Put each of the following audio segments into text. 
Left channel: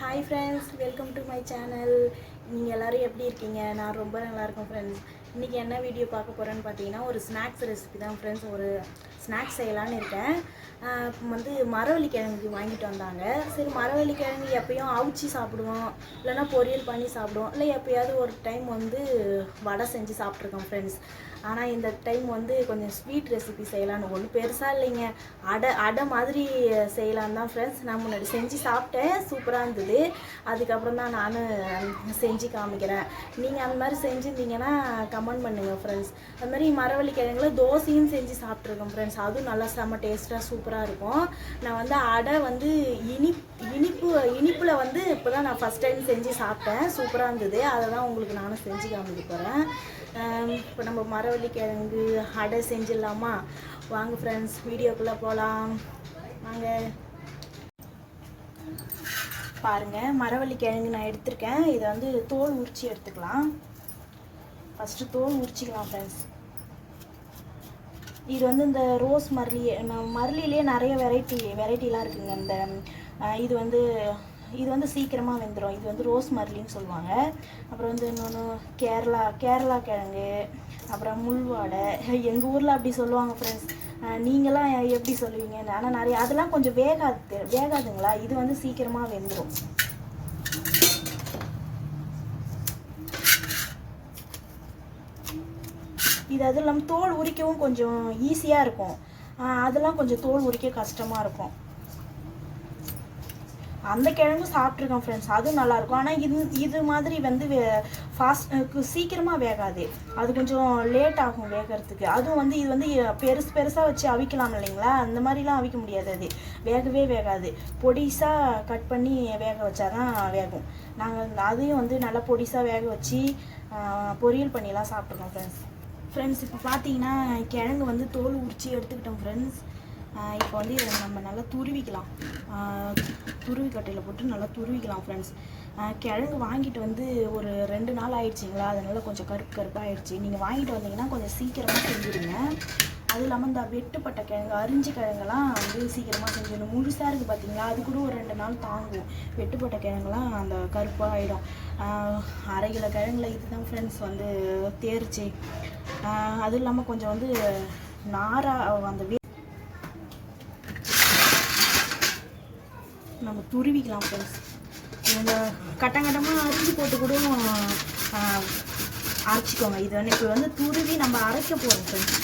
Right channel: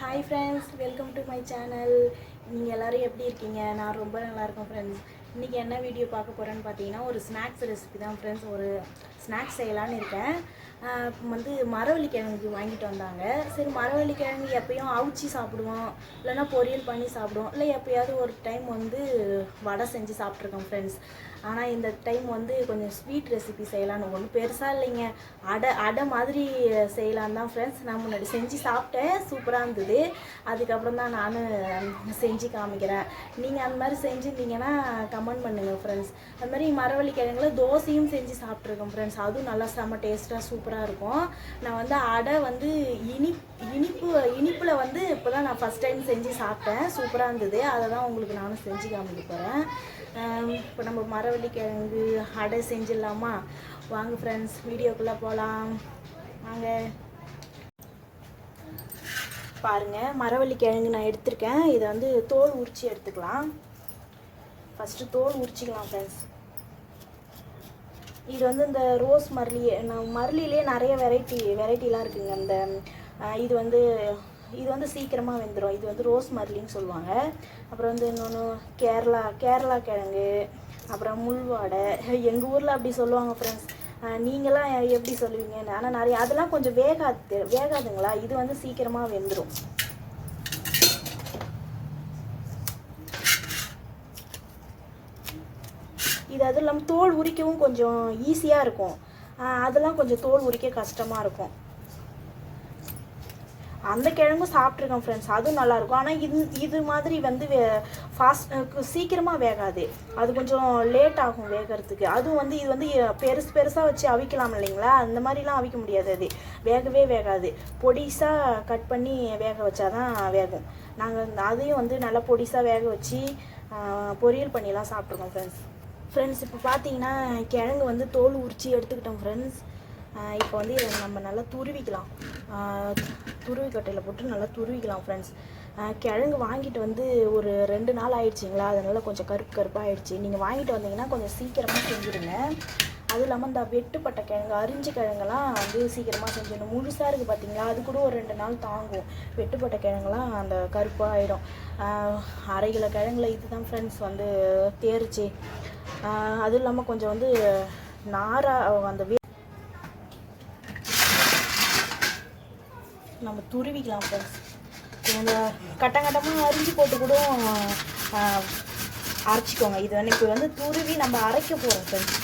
Hi friends, welcome to my channel. நீங்கள் எல்லோரும் எப்படி இருக்கீங்க? நான் ரொம்ப நல்லா இருக்கேன் ஃப்ரெண்ட்ஸ். இன்றைக்கி என்ன வீடியோ பார்க்க போகிறேன்னு பார்த்தீங்கன்னா, ஒரு ஸ்நாக்ஸ் ரெசிபி தான் ஃப்ரெண்ட்ஸ். ஒரு ஸ்நாக்ஸ் செய்யலான்னு இருக்கேன். வந்து மரவள்ளி கிழங்கு வாங்கிட்டு வந்தாங்க. சரி, மரவள்ளி கிழங்கு எப்பயும் அவிச்சி சாப்பிடுவோம், இல்லைனா பொரியல் பண்ணி சாப்பிடுவோம், இல்லை எப்போயாவது ஒரு டைம் வந்து வடை செஞ்சு சாப்பிட்ருக்கோம் ஃப்ரெண்ட்ஸ். ஆனால் இந்த டைம் வந்து கொஞ்சம் ஸ்வீட் ரெசிபி செய்யலான்னு, ஒன்றும் பெருசாக இல்லைங்க, அடை மாதிரி செய்யலான்னு தான் ஃப்ரெண்ட்ஸ். நான் முன்னாடி செஞ்சு சாப்பிட்டேன், சூப்பராக இருந்தது. அதுக்கப்புறம் தான் நான் செஞ்சு காமிக்கிறேன். நீங்கள் அந்த மாதிரி செஞ்சுருந்தீங்கன்னா கமெண்ட் பண்ணுங்கள் ஃப்ரெண்ட்ஸ். அது மாதிரி மரவள்ளி கிழங்குல தோசையும் செஞ்சு சாப்பிட்ருக்கேன் ஃப்ரெண்ட்ஸ். அதுவும் நல்லா செம்ம டேஸ்ட்டாக சூப்பராக இருக்கும். நான் வந்து அடை வந்து இனிப்பில் வந்து இப்போ தான் நான் ஃபஸ்ட் டைம் செஞ்சு சாப்பிட்டேன், சூப்பராக இருந்தது. அதை தான் உங்களுக்கு நானும் செஞ்சு காமிக்க போகிறேன். இப்போ நம்ம மரவள்ளி கிழங்கு அடை செஞ்சிடலாமா? வாங்க ஃப்ரெண்ட்ஸ், வீடியோக்குள்ளே போகலாம் வாங்க. பாருங்கள், மரவள்ளி கிழங்கு நான் எடுத்திருக்கேன். இதை வந்து தோல் உரிச்சி எடுத்துக்கலாம். ஃபஸ்ட்டு தோல் உரிச்சிக்கலாம் ஃப்ரெண்ட்ஸ். இது வந்து இந்த ரோஸ் மரளிலே நிறைய வெரைட்டிலாம் இருக்குங்க. இந்த இது வந்து சீக்கிரமாக வெந்துடும். இது வந்து ரோஸ் மரளின்னு சொல்லுவாங்க. அப்புறம் வந்து இன்னொன்று கேரளா கிழங்கு, அப்புறம் முள்வாடை, எங்கள் ஊரில் அப்படி சொல்லுவாங்க ஃப்ரெண்ட்ஸ். நீங்களாம் எப்படி சொல்லுவீங்க? ஆனால் நிறைய அதெல்லாம் கொஞ்சம் வேகாதுங்களா. இது வந்து சீக்கிரமாக வெந்துடும். இது அதுவும் இல்லாமல் தோல் உரிக்கவும் கொஞ்சம் ஈஸியாக இருக்கும். அதெல்லாம் கொஞ்சம் தோல் உரிக்க கஷ்டமாக இருக்கும். அந்த கிழங்கும் சாப்பிட்ருக்கேன் ஃப்ரெண்ட்ஸ், அதுவும் நல்லாயிருக்கும். ஆனால் இது மாதிரி வந்து சீக்கிரமாக வேகாது. அது கொஞ்சம் லேட் ஆகும் வேகிறதுக்கு. அதுவும் வந்து இது வந்து பெருசாக வச்சு அவிக்கலாம் இல்லைங்களா, அந்த மாதிரிலாம் அவிக்க முடியாது. அது வேகவே வேகாது. பொடிசாக கட் பண்ணி வேக வச்சாதான் வேகும். நாங்கள் அதையும் வந்து நல்லா பொடிசாக வேக வச்சு பொரியல் பண்ணிலாம் சாப்பிட்ருக்கோம் ஃப்ரெண்ட்ஸ். இப்போ பார்த்தீங்கன்னா கிழங்கு வந்து தோல் உரிச்சி எடுத்துக்கிட்டோம் ஃப்ரெண்ட்ஸ். இப்போ வந்து இதை நம்ம நல்லா துருவிக்கலாம். துருவி கட்டையில் போட்டு நல்லா துருவிக்கலாம் ஃப்ரெண்ட்ஸ். கிழங்கு வாங்கிட்டு வந்து ஒரு 2 நாள் ஆயிடுச்சிங்களா, அதனால கொஞ்சம் கருப்பாக ஆயிடுச்சு. நீங்கள் வாங்கிட்டு வந்தீங்கன்னா கொஞ்சம் சீக்கிரமாக செஞ்சுடுங்க. அதுவும் இல்லாமல் இந்த வெட்டுப்பட்ட கிழங்கு, அரிஞ்ச கிழங்கெல்லாம் வந்து சீக்கிரமாக செஞ்சிடணும். முழுசாக இருக்குது பார்த்தீங்களா, அது கூட ஒரு 2 நாள் தாங்கும். வெட்டுப்பட்ட கிழங்குலாம் அந்த கருப்பாக ஆகிடும். 1/2 கிலோ கிழங்குல இதுதான் ஃப்ரெண்ட்ஸ் வந்து தேர்ச்சி. அதுவும் இல்லாமல் கொஞ்சம் வந்து அந்த நம்ம துருவிக்கலாம் ஃப்ரெண்ட்ஸ். இவங்க கட்டமாக அரிஞ்சு போட்டு கூட அரைச்சிக்கோங்க. இது வந்து இப்போ வந்து துருவி நம்ம அரைக்க போகிறோம் ஃப்ரெண்ட்ஸ்.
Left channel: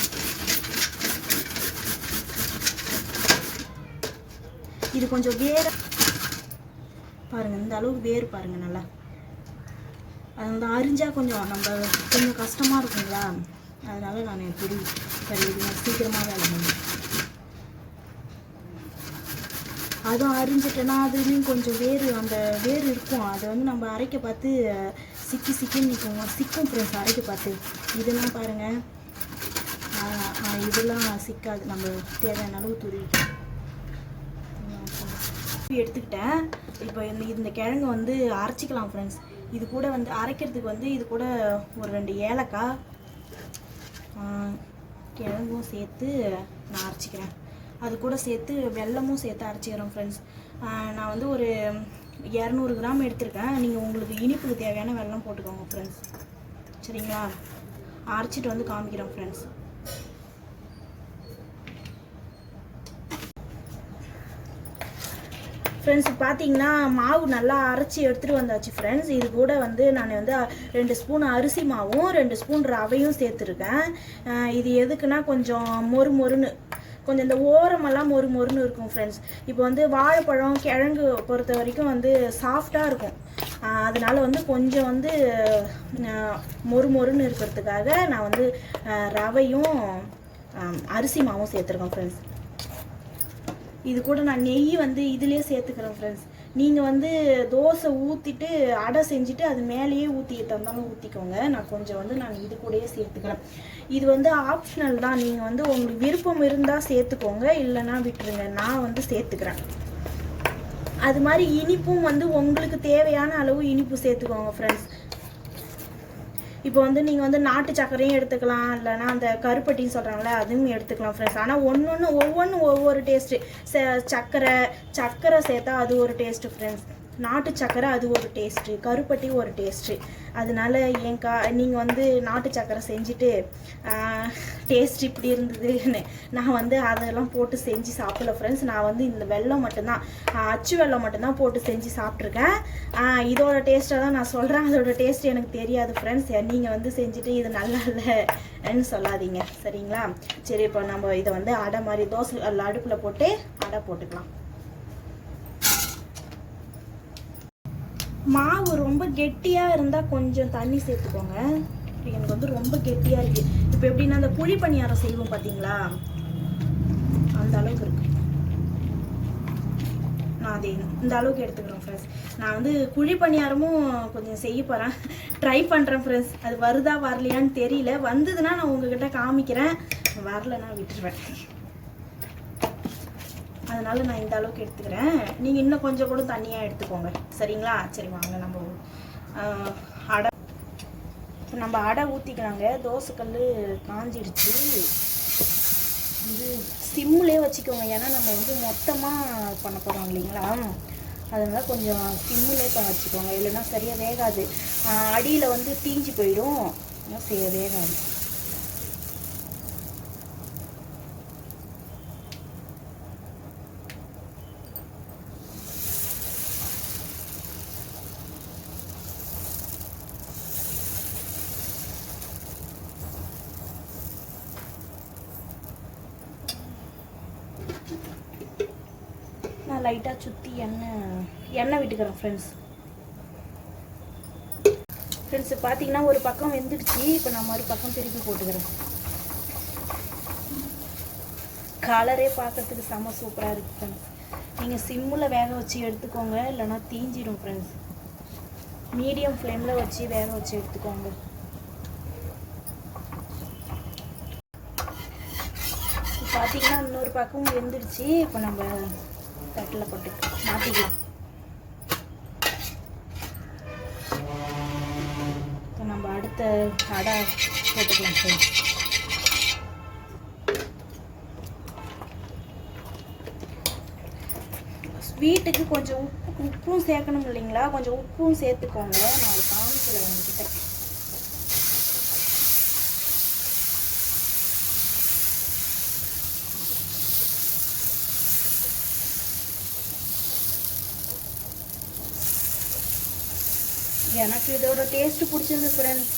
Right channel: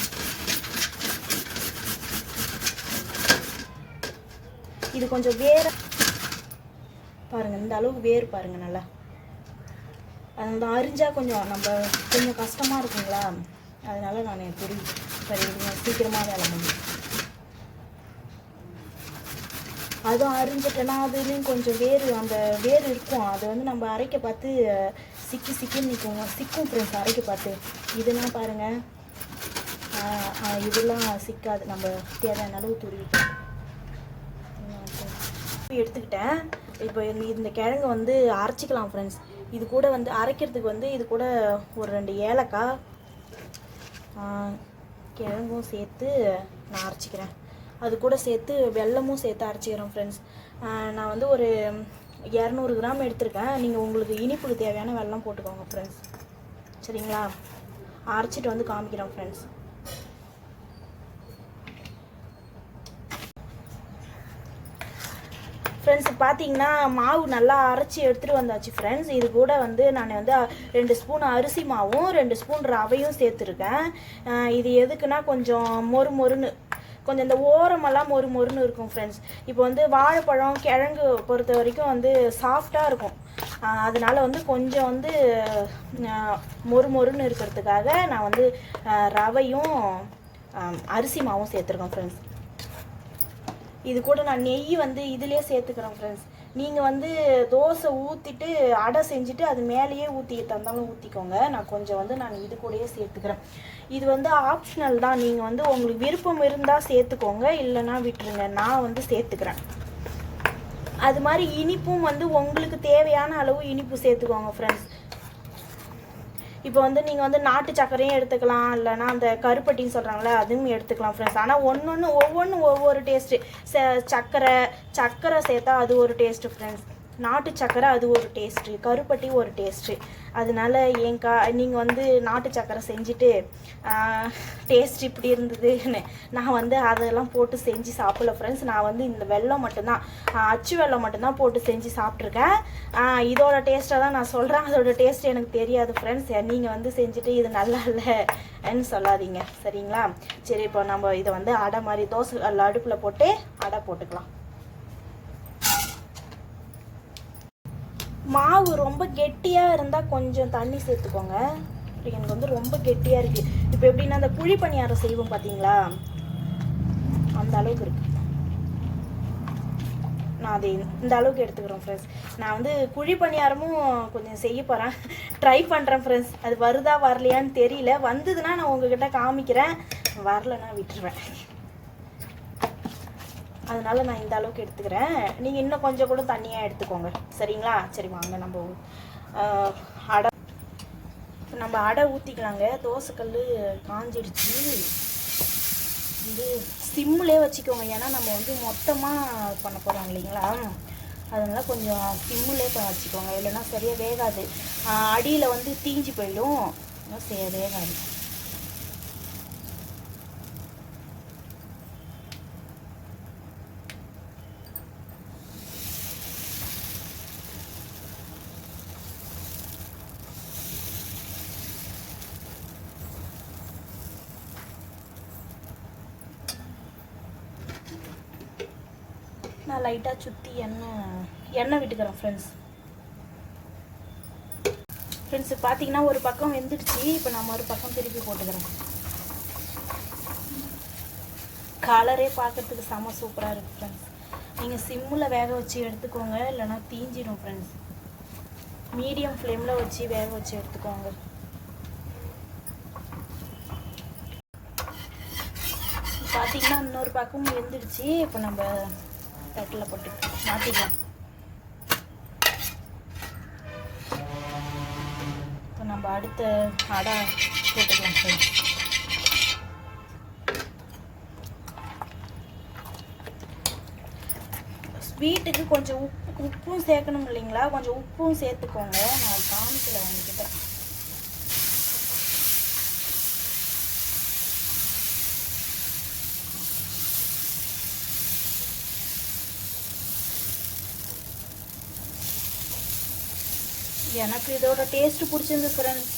இது கொஞ்சம் பாருங்கள், இந்த அளவுக்கு வேறு பாருங்கள் நல்லா. அந்த அரிஞ்சால் கொஞ்சம் கஷ்டமாக இருக்குங்களா, அதனால நான் சீக்கிரமாக வேலை பண்ணுவேன். அதுவும் அரிஞ்சிட்டேன்னா அதுலேயும் கொஞ்சம் அந்த வேர் இருக்கும். அதை வந்து நம்ம அரைக்க பார்த்து சிக்கின்னு நிற்குங்க, சிக்கும் ஃப்ரெண்ட்ஸ் அரைக்க பார்த்து. இதெல்லாம் பாருங்கள், இதெல்லாம் சிக்காது. நம்ம தேவையான அளவு துருவி எடுத்துக்கிட்டேன். இப்போ இந்த கிழங்கு வந்து அரைச்சிக்கலாம் ஃப்ரெண்ட்ஸ். இது கூட வந்து அரைக்கிறதுக்கு வந்து இது கூட ஒரு 2 ஏலக்காய் கிழங்கும் சேர்த்து நான் அரைச்சிக்கிறேன். அது கூட சேர்த்து வெல்லமும் சேர்த்து அரைச்சிக்கிறோம் ஃப்ரெண்ட்ஸ். நான் வந்து ஒரு 200 கிராம் எடுத்திருக்கேன். நீங்கள் உங்களுக்கு இனிப்புக்கு தேவையான வெல்லம் போட்டுக்கோங்க ஃப்ரெண்ட்ஸ், சரிங்களா? அரைச்சிட்டு வந்து காமிக்கிறோம் ஃப்ரெண்ட்ஸ். ஃப்ரெண்ட்ஸ் பார்த்தீங்கன்னா மாவு நல்லா அரைச்சி எடுத்துகிட்டு வந்தாச்சு ஃப்ரெண்ட்ஸ். இது கூட வந்து நான் வந்து 2 ஸ்பூன் அரிசி மாவும் 2 ஸ்பூன் ரவையும் சேர்த்துருக்கேன். இது எதுக்குன்னா கொஞ்சம் மொறுன்னு, கொஞ்சம் இந்த ஓரமெல்லாம் மொறுன்னு இருக்கும் ஃப்ரெண்ட்ஸ். இப்போ வந்து வாழைப்பழம் கிழங்கு பொறுத்த வரைக்கும் வந்து சாஃப்டாக இருக்கும். அதனால வந்து கொஞ்சம் வந்து மொறுன்னு இருக்கிறதுக்காக நான் வந்து ரவையும் அரிசி மாவும் சேர்த்துருக்கேன் ஃப்ரெண்ட்ஸ். இது கூட நான் நெய் வந்து இதிலே சேர்த்துக்கிறேன் ஃப்ரெண்ட்ஸ். நீங்கள் வந்து தோசை ஊற்றிட்டு அடை செஞ்சுட்டு அது மேலேயே தந்தாலும் ஊற்றிக்கோங்க. நான் கொஞ்சம் வந்து இது கூடயே சேர்த்துக்கிறேன். இது வந்து ஆப்ஷனல் தான். நீங்கள் வந்து உங்களுக்கு விருப்பம் இருந்தால் சேர்த்துக்கோங்க, இல்லைன்னா விட்டுருங்க. நான் வந்து சேர்த்துக்கிறேன். அது மாதிரி இனிப்பும் வந்து உங்களுக்கு தேவையான அளவு இனிப்பு சேர்த்துக்கோங்க ஃப்ரெண்ட்ஸ். இப்போ வந்து நீங்கள் வந்து நாட்டு சர்க்கரையும் எடுத்துக்கலாம், இல்லைனா அந்த கருப்பட்டின்னு சொல்கிறாங்களே அதுவும் எடுத்துக்கலாம் ஃப்ரெண்ட்ஸ். ஆனால் ஒவ்வொன்றும் ஒவ்வொரு டேஸ்ட்டு. சர்க்கரை சேர்த்தா அது ஒரு டேஸ்ட்டு ஃப்ரெண்ட்ஸ். நாட்டு சக்கரை அது ஒரு டேஸ்ட்டு, கருப்பட்டி ஒரு டேஸ்ட்டு. அதனால நீங்கள் வந்து நாட்டு சக்கரை செஞ்சுட்டு டேஸ்ட் இப்படி இருந்ததுன்னு நான் வந்து அதெல்லாம் போட்டு செஞ்சு சாப்பிடல ஃப்ரெண்ட்ஸ். நான் வந்து இந்த வெல்லம் மட்டும்தான், அச்சு வெல்லம் மட்டும்தான் போட்டு செஞ்சு சாப்பிட்ருக்கேன். இதோட டேஸ்ட்டை தான் நான் சொல்கிறேன், அதோட டேஸ்ட் எனக்கு தெரியாது ஃப்ரெண்ட்ஸ். நீங்கள் வந்து செஞ்சுட்டு இது நல்லா இல்லைன்னு சொல்லாதீங்க சரிங்களா? சரி, இப்போ நம்ம இதை வந்து அடை மாதிரி தோசை அடுப்பில் போட்டு அடை போட்டுக்கலாம். மாவு ரொம்ப கெட்டியாக இருந்தால் கொஞ்சம் தண்ணி சேர்த்துக்கோங்க. எனக்கு வந்து ரொம்ப கெட்டியாக இருக்குது. இப்போ எப்படின்னா அந்த குழி பணியாரம் செய்வோம் பார்த்தீங்களா, அந்த அளவுக்கு இருக்குது. நான் அதை இந்த அளவுக்கு எடுத்துக்கிறேன் ஃப்ரெண்ட்ஸ். நான் வந்து குழி பணியாரமும் கொஞ்சம் செய்ய போகிறேன், ட்ரை பண்ணுறேன் ஃப்ரெண்ட்ஸ். அது வருதா வரலையான்னு தெரியல. வந்ததுன்னா நான் உங்ககிட்ட காமிக்கிறேன், வரலைன்னா விட்டுருவேன். அதனால நான் இந்த அளவுக்கு எடுத்துக்கிறேன். நீங்கள் இன்னும் கொஞ்சம் கூட தண்ணியாக எடுத்துக்கோங்க சரிங்களா? சரி வாங்க நம்ம அடை ஊற்றிக்கலாங்க. தோசைக்கல் காஞ்சிடுச்சு. வந்து சிம்மிலே வச்சுக்கோங்க, ஏன்னா நம்ம வந்து மொத்தமாக பண்ண போகிறோம் இல்லைங்களா? அதனால் கொஞ்சம் சிம்மிலே வச்சுக்கோங்க, இல்லைன்னா சரியாக வேகாது. அடியில் வந்து தீஞ்சு போயிடும், வேகாது. நான் லைட்டாக சுற்றி எண்ணெய் விட்டுக்கிறேன் ஃப்ரெண்ட்ஸ். பார்த்தீங்கன்னா ஒரு பக்கம் வெந்துடுச்சு. இப்போ நம்ம ஒரு பக்கம் திருப்பி போட்டுக்கிறோம். கலரே பார்க்கறதுக்கு செம்ம சூப்பராக இருக்குது ஃப்ரெண்ட்ஸ். நீங்கள் சிம்மில் வேக வச்சு எடுத்துக்கோங்க, இல்லைன்னா தீஞ்சிடும் ஃப்ரெண்ட்ஸ். மீடியம் ஃப்ளேமில் வச்சு வேக வச்சு எடுத்துக்கோங்க. பார்த்தீங்கன்னா இன்னொரு பக்கம் வெந்துடுச்சு. இப்போ நம்ம தட்டில் போட்டு மாற்றிக்கலாம். இப்போ நம்ம அடுத்த அடை போட்டுக்கலாம். ஸ்வீட்டுக்கு கொஞ்சம் உப்பும் சேர்க்கணும் இல்லைங்களா? கொஞ்சம் உப்பும் சேர்த்துக்கோங்க. நான் காமிக்கல உங்ககிட்ட. எனக்கு இதோட டேஸ்ட் பிடிச்சிருந்து ஃப்ரெண்ட்ஸ்.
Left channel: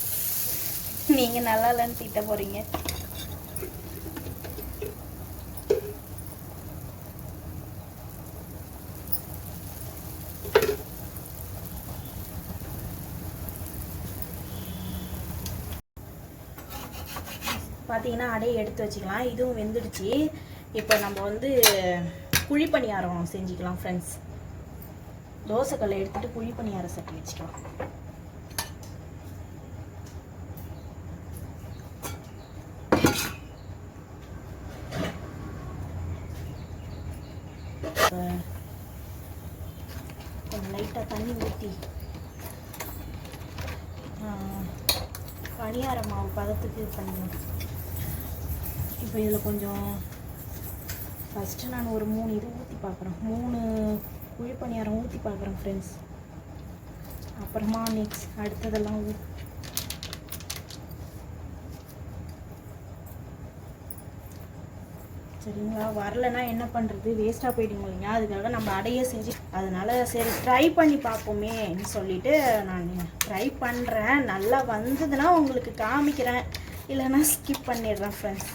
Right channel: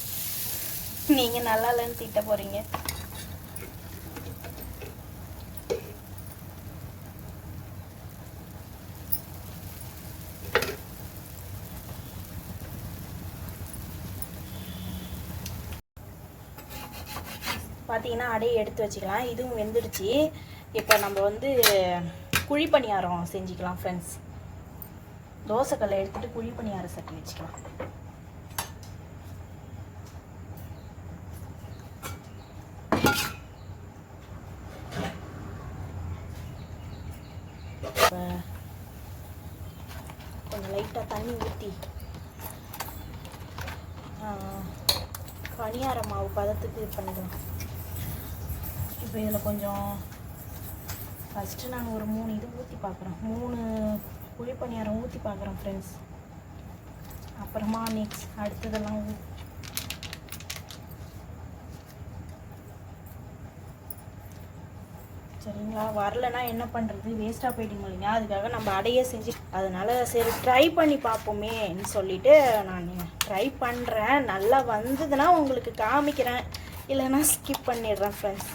நீங்கள் நல்லா இல்லைன்னு திட்ட போகிறீங்க. பார்த்தீங்கன்னா அடையை எடுத்து வச்சுக்கலாம். இதுவும் வெந்துடுச்சு. இப்போ நம்ம வந்து குழி பணியாரம் செஞ்சுக்கலாம் ஃப்ரெண்ட்ஸ். தோசைக்கல்லை எடுத்துகிட்டு குழி பணியாரம் சட்டி வச்சுக்கலாம். லைட்டாக தண்ணி ஊற்றி பணியார மாவு பதத்துக்கு இது பண்ணிடுங்க. இப்போ இதில் கொஞ்சம் ஃபஸ்ட்டு நான் ஒரு 3 இது ஊற்றி பார்க்குறேன். 3 குழி பணியாரம் ஊற்றி பார்க்குறேன் ஃப்ரெண்ட்ஸ். அப்புறமா அடுத்ததெல்லாம் சரிங்களா? வரலைன்னா என்ன பண்ணுறது, வேஸ்ட்டாக போயிடுங்க இல்லைங்க? அதுக்காக நம்ம அடையே செஞ்சு, அதனால சரி ட்ரை பண்ணி பார்ப்போமேன்னு சொல்லிட்டு நான் ட்ரை பண்ணுறேன். நல்லா வந்ததுன்னா உங்களுக்கு காமிக்கிறேன், இல்லைன்னா ஸ்கிப் பண்ணிடுறேன் ஃப்ரெண்ட்ஸ்.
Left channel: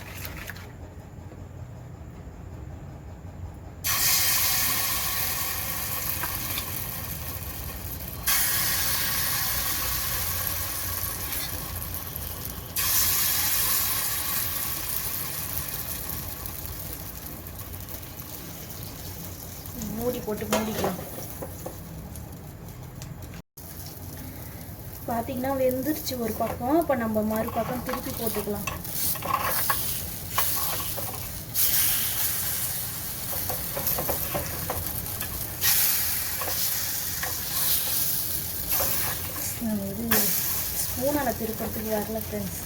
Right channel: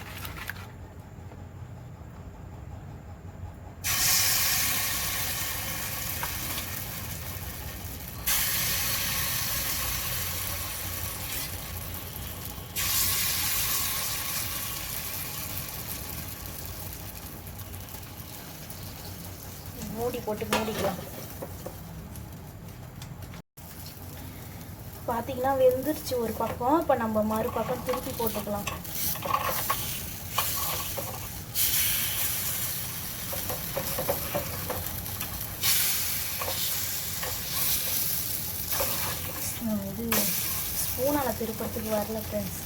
மூடி போட்டு மூடிக்கலாம். பார்த்தீங்கன்னா வெந்துருச்சு ஒரு பக்கம். இப்போ நம்ம மறுபக்கம் திருப்பி போட்டுக்கலாம். இது ஸ்பூனால் திருப்பத்துக்கு வரல ஃப்ரெண்ட்ஸ்.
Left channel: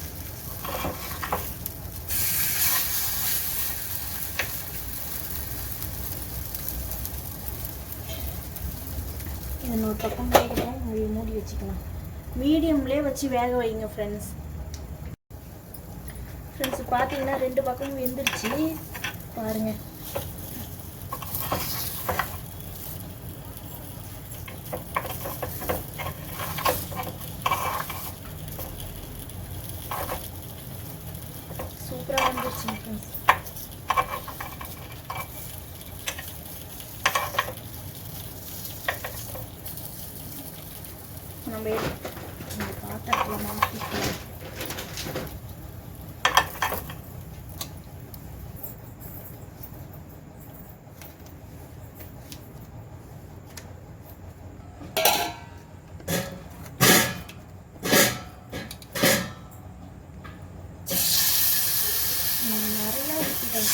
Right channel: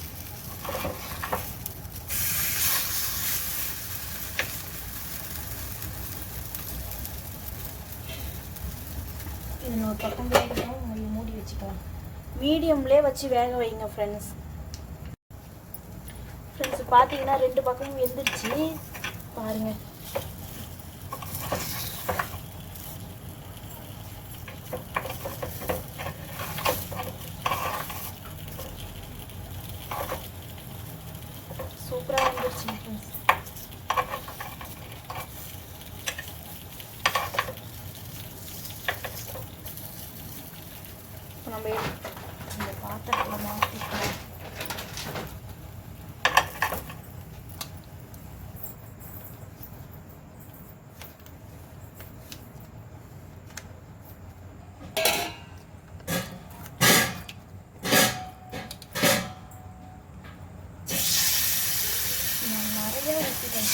ஒரு பக்கம் வேகணும், மூடி வச்சுக்கலாம். மீடியம்லேயே வச்சு வேக வைங்க ஃப்ரெண்ட்ஸ். ஃப்ரெண்ட்ஸ் பார்த்தீங்கன்னா 2 பக்கம் வெந்துருச்சு பாருங்கள். சூப்பராக வந்துருச்சு ஃப்ரெண்ட்ஸ். நம்ம பாத்திரத்தில் மாற்றிக்கலாம். நிறையா ஊற்றிட்டேன்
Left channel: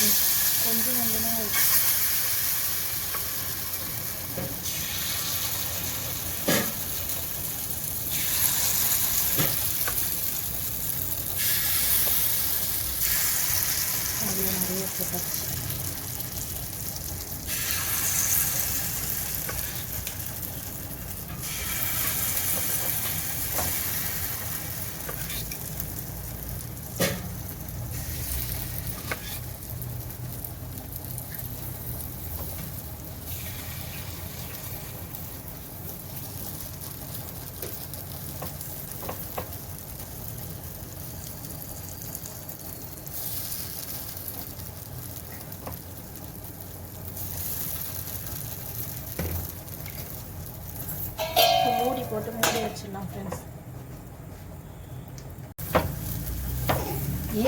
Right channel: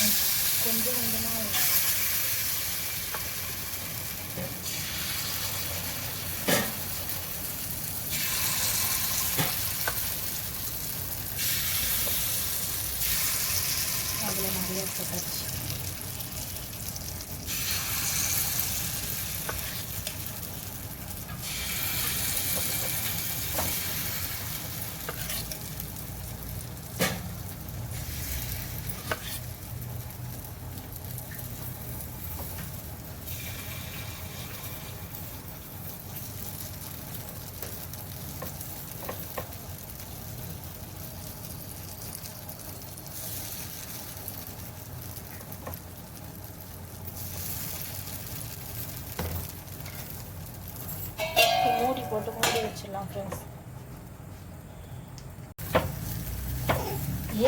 கொஞ்சம் கொஞ்சமாக இருக்கு. அப்படியே நிறைய போட்டாச்சு. மூடி போட்டு மூடி வச்சிடலாம் ஃப்ரெண்ட்ஸ்.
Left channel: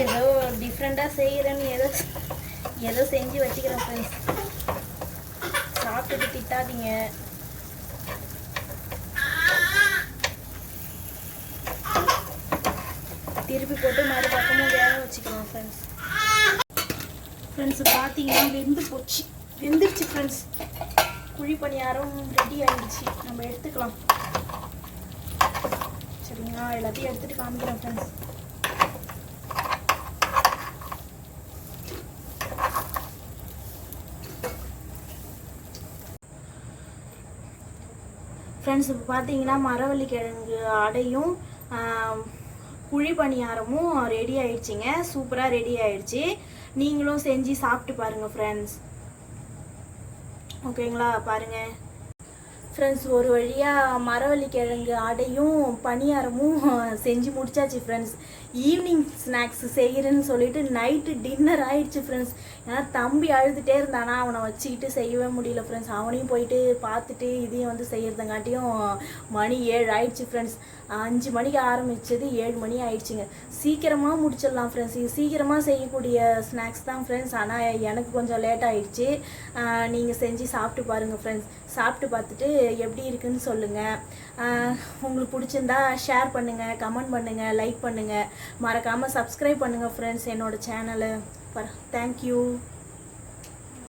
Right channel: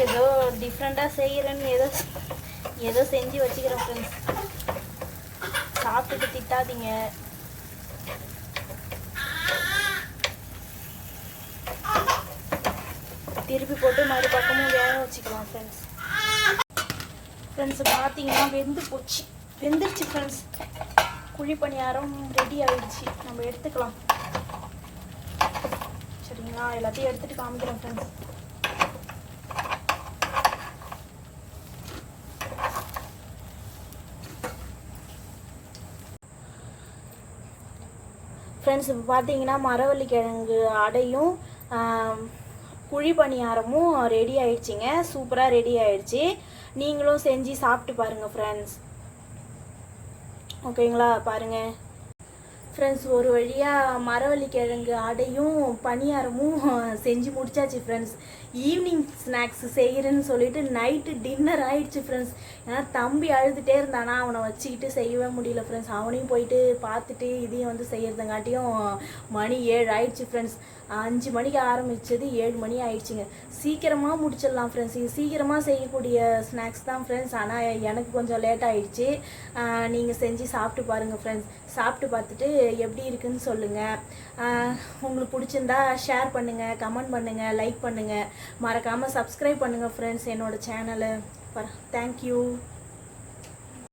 ஏதோ டிஃப்ரெண்ட்டாக செய்கிறேன்னு ஏதோ செஞ்சு வச்சுக்கிறேன் ஃப்ரெண்ட்ஸ். சாப்பிட்டுட்டு திட்டாதீங்க. திருப்பி போட்டு மறுபக்கமும் வேக வச்சுக்கலாம் ஃப்ரெண்ட்ஸ். ஃப்ரெண்ட்ஸ் பார்த்தீங்கன்னா வெந்துருச்சு ஃப்ரெண்ட்ஸ். குழி பணியாரம் ரெடி ஆகிடுச்சு. நம்ம எடுத்துக்கலாம் சரிங்களா. எல்லாத்தையும் எடுத்துகிட்டு காமிக்கிறோம் ஃப்ரெண்ட்ஸ். ஃப்ரெண்ட்ஸ் இப்போ பார்த்தீங்கன்னா மரவள்ளி கிழங்கு அடையும் குழி பணியாரமும் ரெடி ஆயிடுச்சுங்க. சூப்பராக ரெடி ஆயிடுச்சு. நீங்களும் செஞ்சு சாப்பிட்டு பாருங்கள் ஃப்ரெண்ட்ஸ். ஓகேங்களா பாருங்கள் ஃப்ரெண்ட்ஸ். ஒரு வழியாக மரவள்ளி கிழங்கு அடையும் பணியாரமும் செஞ்சு முடிச்சாச்சு ஃப்ரெண்ட்ஸ். ஈவினிங் ஸ்நாக்ஸ் செய்கிறேன்னு சொல்லிட்டு நைட்டு டின்னர் ஆயிடுச்சு ஃப்ரெண்ட்ஸ். ஏன்னா தம்பி அழுதுகிட்டே இருந்தானா, அவனை வச்சுக்கிட்டு செய்யவே முடியல ஃப்ரெண்ட்ஸ். அவனையும் போயிட்டு பார்த்துட்டு இதையும் வந்து செய்கிறதுங்காட்டியும் மணி 7 ஆயிடுச்சு ஃப்ரெண்ட்ஸ். 5 மணிக்கு ஆரம்பித்தது 7 மணி ஆயிடுச்சுங்க. சீக்கிரமாக முடிச்சிடலாம் ஃப்ரெண்ட்ஸ். இது சீக்கிரமாக செய்யக்கூடிய ஸ்நாக்ஸ் தான் ஃப்ரெண்ட்ஸ். ஆனால் எனக்கு கொஞ்சம் லேட் ஆகிடுச்சு. நீங்கள் செஞ்சு சாப்பிட்டு பாருங்கள் ஃப்ரெண்ட்ஸ். சாப்பிட்டு பார்த்துட்டு எப்படி இருக்குன்னு சொல்லுங்கள். உங்களுக்கு பிடிச்சிருந்தா ஷேர் பண்ணுங்கள், கமெண்ட் பண்ணுங்கள், லைக் பண்ணுங்கள். மறக்காமல் சப்ஸ்கிரைப் பண்ணுங்கள் ஃப்ரெண்ட்ஸ் என்னோடய சேனலை. தேங்க்யூ.